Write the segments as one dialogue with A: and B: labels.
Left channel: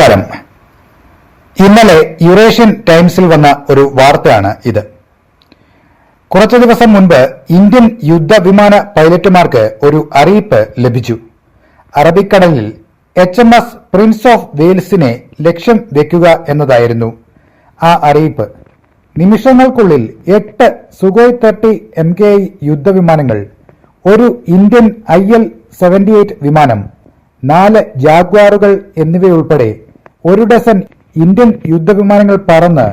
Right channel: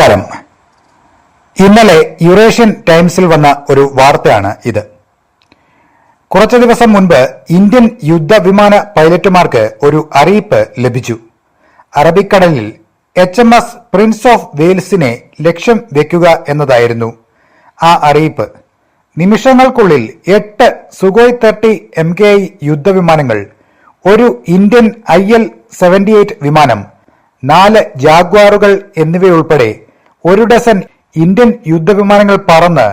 A: നമസ്കാരം. ഇന്നലെ യുറേഷ്യൻ ടൈംസിൽ വന്ന ഒരു വാർത്തയാണ് ഇത്. കുറച്ചു ദിവസം മുൻപ് ഇന്ത്യൻ യുദ്ധവിമാന പൈലറ്റുമാർക്ക് ഒരു അറിയിപ്പ് ലഭിച്ചു. അറബിക്കടലിൽ H M S Prince of വെയിൽസിനെ ലക്ഷ്യം വെക്കുക എന്നതായിരുന്നു ആ അറിയിപ്പ്. നിമിഷങ്ങൾക്കുള്ളിൽ എട്ട് Sukhoi thirty M K I യുദ്ധവിമാനങ്ങൾ ഒരു Indian I L seventy eight വിമാനം നാല് ജാഗ്വാറുകൾ എന്നിവയുൾപ്പെടെ ഒരു ഡസൻ ഇന്ത്യൻ യുദ്ധവിമാനങ്ങൾ പറന്ന്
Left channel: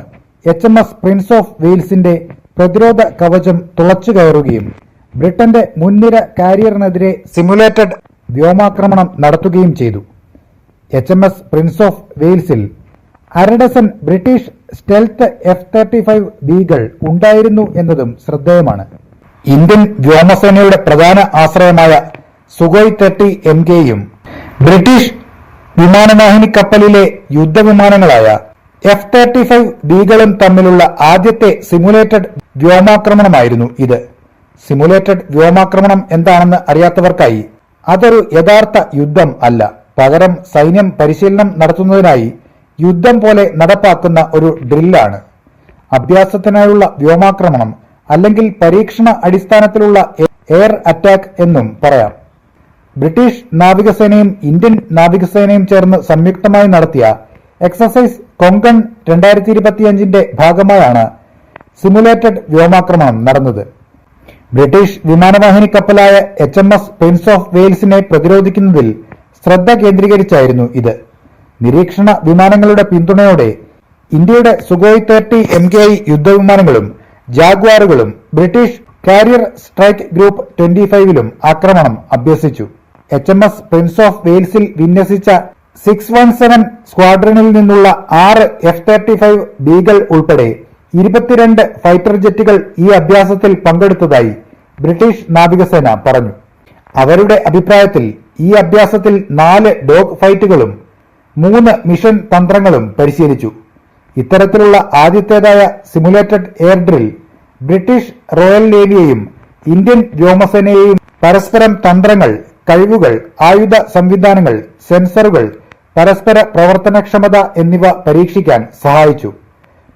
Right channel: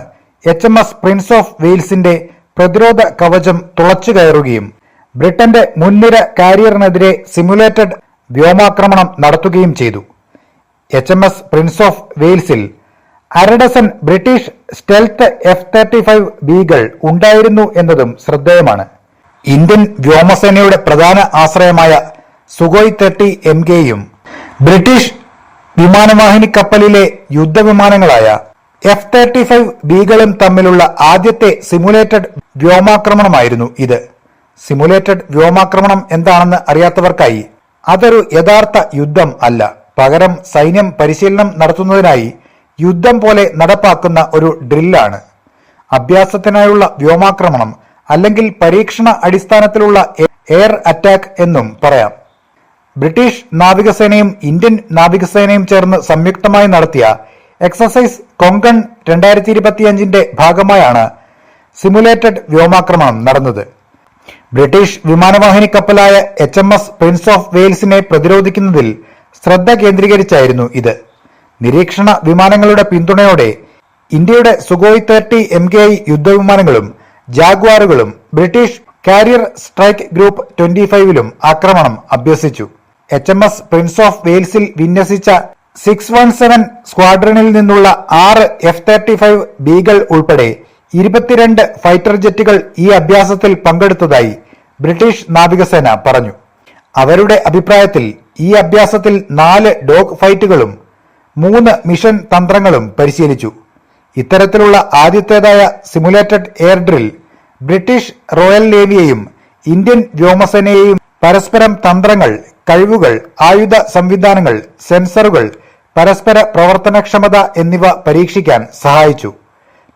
A: H M S Prince of വെയിൽസിന്റെ പ്രതിരോധ കവചം തുളച്ചു കയറുകയും ബ്രിട്ടന്റെ മുൻനിര കാരിയറിനെതിരെ സിമുലേറ്റഡ് വ്യോമാക്രമണം നടത്തുകയും ചെയ്തു. H M S Prince of വെയിൽസിൽ അരഡസൻ British stealth F thirty five ബികൾ ഉണ്ടായിരുന്നു എന്നതും ശ്രദ്ധേയമാണ്. ഇന്ത്യൻ വ്യോമസേനയുടെ പ്രധാന ആശ്രയമായ സുഗോയ് തേർട്ടി എം കെയും ബ്രിട്ടീഷ് വിമാനവാഹിനി കപ്പലിലെ യുദ്ധവിമാനങ്ങളായ എഫ് തേർട്ടി ഫൈവ് ബികളും തമ്മിലുള്ള ആദ്യത്തെ സിമുലേറ്റഡ് വ്യോമാക്രമണമായിരുന്നു ഇത്. സിമുലേറ്റഡ് വ്യോമാക്രമണം എന്താണെന്ന് അറിയാത്തവർക്കായി അതൊരു യഥാർത്ഥ യുദ്ധം അല്ല. പകരം സൈന്യം പരിശീലനം നടത്തുന്നതിനായി യുദ്ധം പോലെ നടപ്പാക്കുന്ന ഒരു ഡ്രില്ലാണ്. അഭ്യാസത്തിനായുള്ള വ്യോമാക്രമണം അല്ലെങ്കിൽ പരീക്ഷണ അടിസ്ഥാനത്തിലുള്ള എയർ അറ്റാക്ക് എന്നും പറയാം. ബ്രിട്ടീഷ് നാവികസേനയും ഇന്ത്യൻ നാവികസേനയും ചേർന്ന് സംയുക്തമായി നടത്തിയ എക്സസൈസ് കൊങ്കൺ രണ്ടായിരത്തി ഇരുപത്തിയഞ്ചിന്റെ ഭാഗമായാണ് സിമുലേറ്റഡ് വ്യോമാക്രമണം നടന്നത്. ബ്രിട്ടീഷ് വിമാനവാഹിനി കപ്പലായ H M S Prince of വെയിൽസിനെ പ്രതിരോധിക്കുന്നതിൽ ശ്രദ്ധ കേന്ദ്രീകരിച്ചായിരുന്നു ഇത്. നിരീക്ഷണ വിമാനങ്ങളുടെ പിന്തുണയോടെ ഇന്ത്യയുടെ Sukhoi thirty M K I യുദ്ധവിമാനങ്ങളും ജാഗ്വാറുകളും British carrier strike group twenty ഫൈവിലും ആക്രമണം അഭ്യസിച്ചു. H M S Prince of വെയിൽസിൽ വിന്യസിച്ച സിക്സ് വൺ സെവൻ സ്ക്വാഡ്രണിൽ നിന്നുള്ള ആറ് എഫ് തേർട്ടി ഫൈവ് ബികൾ ഉൾപ്പെടെ ഇരുപത്തിരണ്ട് ഫൈറ്റർ ജെറ്റുകൾ ഈ അഭ്യാസത്തിൽ പങ്കെടുത്തതായി ബ്രിട്ടീഷ് നാവികസേന പറഞ്ഞു. അവരുടെ അഭിപ്രായത്തിൽ ഈ അഭ്യാസത്തിൽ നാല് ഡോഗ് ഫൈറ്റുകളും മൂന്ന് മിഷൻ തന്ത്രങ്ങളും പരിശീലിച്ചു. ഇത്തരത്തിലുള്ള ആദ്യത്തേതായ simulated air drill British royal നേവിയെയും Indian വ്യോമസേനയെയും പരസ്പരം തന്ത്രങ്ങൾ കഴിവുകൾ ആയുധ സംവിധാനങ്ങൾ സെൻസറുകൾ പരസ്പര പ്രവർത്തനക്ഷമത എന്നിവ പരീക്ഷിക്കാൻ സഹായിച്ചു.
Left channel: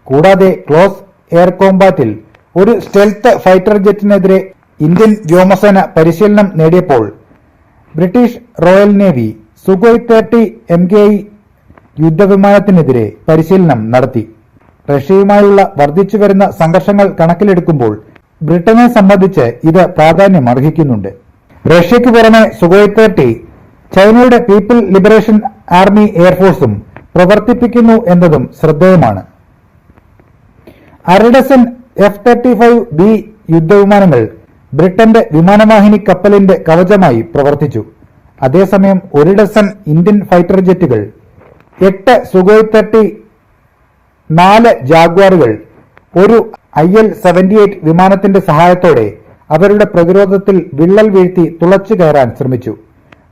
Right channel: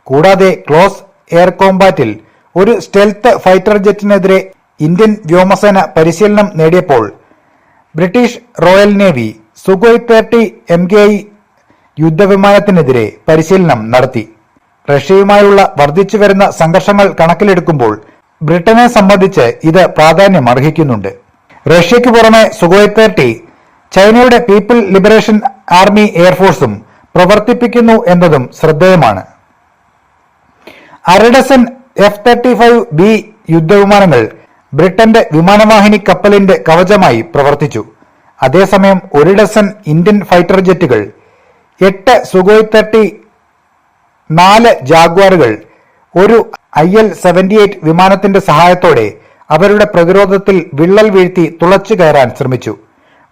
A: കൂടാതെ ക്ലോസ് എയർ കോമ്പാറ്റിൽ ഒരു സ്റ്റെൽത്ത് ഫൈറ്റർ ജെറ്റിനെതിരെ ഇന്ത്യൻ വ്യോമസേന പരിശീലനം നേടിയപ്പോൾ British royal navy Sukhoi thirty M K I യുദ്ധവിമാനത്തിനെതിരെ പരിശീലനം നടത്തി. റഷ്യയുമായുള്ള വർദ്ധിച്ചുവരുന്ന സംഘർഷങ്ങൾ കണക്കിലെടുക്കുമ്പോൾ ബ്രിട്ടനെ സംബന്ധിച്ച് ഇത് പ്രാധാന്യം അർഹിക്കുന്നുണ്ട് റഷ്യയ്ക്ക് പുറമെ സുഗോയ് തേർട്ടി ചൈനയുടെ പീപ്പിൾ ലിബറേഷൻ ആർമി എയർഫോഴ്സും പ്രവർത്തിപ്പിക്കുന്നു എന്നതും ശ്രദ്ധേയമാണ്. അരഡസൻ എഫ് തേർട്ടി ഫൈവ് ബി യുദ്ധവിമാനങ്ങൾ ബ്രിട്ടന്റെ വിമാനവാഹിനി കപ്പലിന്റെ കവചമായി പ്രവർത്തിച്ചു. അതേസമയം ഒരു ഡസൻ ഇന്ത്യൻ ഫൈറ്റർ ജെറ്റുകൾ എട്ട് സുഗോയ് തേർട്ടി നാല് ജാഗ്വാറുകൾ ഒരു ഐ എൽ സെവന്റി എയ്റ്റ് വിമാനത്തിന്റെ സഹായത്തോടെ അവരുടെ പ്രതിരോധത്തിൽ വിള്ളൽ വീഴ്ത്തി തുളച്ചു കയറാൻ ശ്രമിച്ചു.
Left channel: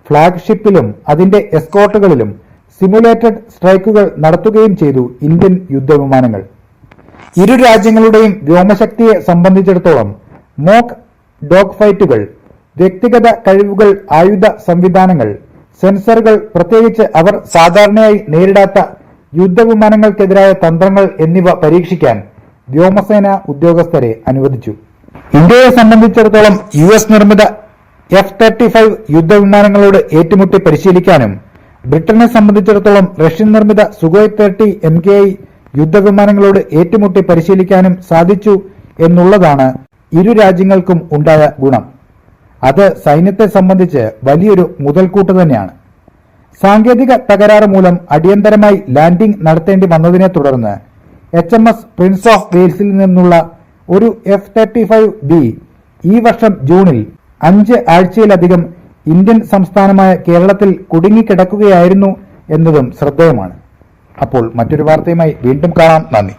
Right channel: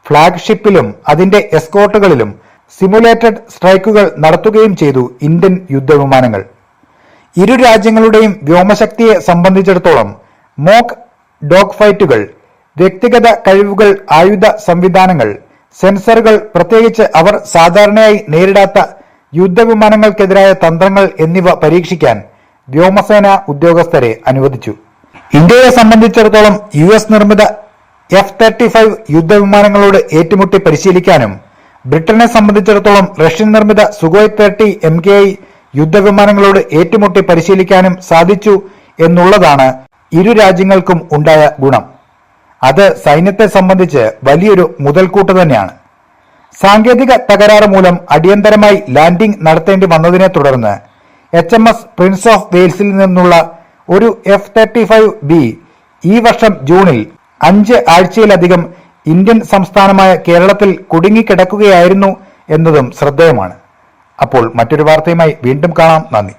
A: ഫ്ളാഗ്ഷിപ്പിലും അതിന്റെ എസ്കോട്ടുകളിലും സിമുലേറ്റഡ് സ്ട്രൈക്കുകൾ നടത്തുകയും ചെയ്തു ഇന്ത്യൻ യുദ്ധവിമാനങ്ങൾ. ഇരു രാജ്യങ്ങളുടെയും വ്യോമശക്തിയെ സംബന്ധിച്ചിടത്തോളം മോക്ക് ഡോഗ് ഫൈറ്റുകൾ വ്യക്തിഗത കഴിവുകൾ ആയുധ സംവിധാനങ്ങൾ സെൻസറുകൾ പ്രത്യേകിച്ച് അവർ സാധാരണയായി നേരിടാത്ത യുദ്ധവിമാനങ്ങൾക്കെതിരായ തന്ത്രങ്ങൾ എന്നിവ പരീക്ഷിക്കാൻ വ്യോമസേന ഉദ്യോഗസ്ഥരെ അനുവദിച്ചു. ഇന്ത്യയെ സംബന്ധിച്ചിടത്തോളം യു എസ് നിർമ്മിത എഫ് തേർട്ടി ഫൈവ് യുദ്ധവിമാനങ്ങളോട് ഏറ്റുമുട്ടി പരിശീലിക്കാനും ബ്രിട്ടനെ സംബന്ധിച്ചിടത്തോളം റഷ്യൻ നിർമ്മിത Sukhoi thirty M K I യുദ്ധവിമാനങ്ങളോട് ഏറ്റുമുട്ടി പരിശീലിക്കാനും സാധിച്ചു എന്നുള്ളതാണ് ഇരു രാജ്യങ്ങൾക്കും ഉണ്ടായ ഗുണം. അത് സൈന്യത്തെ സംബന്ധിച്ച് വലിയൊരു മുതൽക്കൂട്ട് തന്നെയാണ്. സാങ്കേതിക തകരാറ് മൂലം അടിയന്തരമായി ലാൻഡിംഗ് നടത്തേണ്ടി വന്നതിനെ തുടർന്ന് H M S Prince of വെയിൽസിൽ നിന്നുള്ള ഒരു എഫ് തേർട്ടി ഫൈവ് ബി ഈ വർഷം ജൂണിൽ അഞ്ച് ആഴ്ചയിലധികം ഇന്ത്യൻ സംസ്ഥാനമായ കേരളത്തിൽ കുടുങ്ങിക്കിടക്കുകയായിരുന്നു എന്നതും ശ്രദ്ധേയമാണ്. അപ്പോൾ മറ്റൊരു വാർത്തയുമായി വീണ്ടും കാണാം. നന്ദി.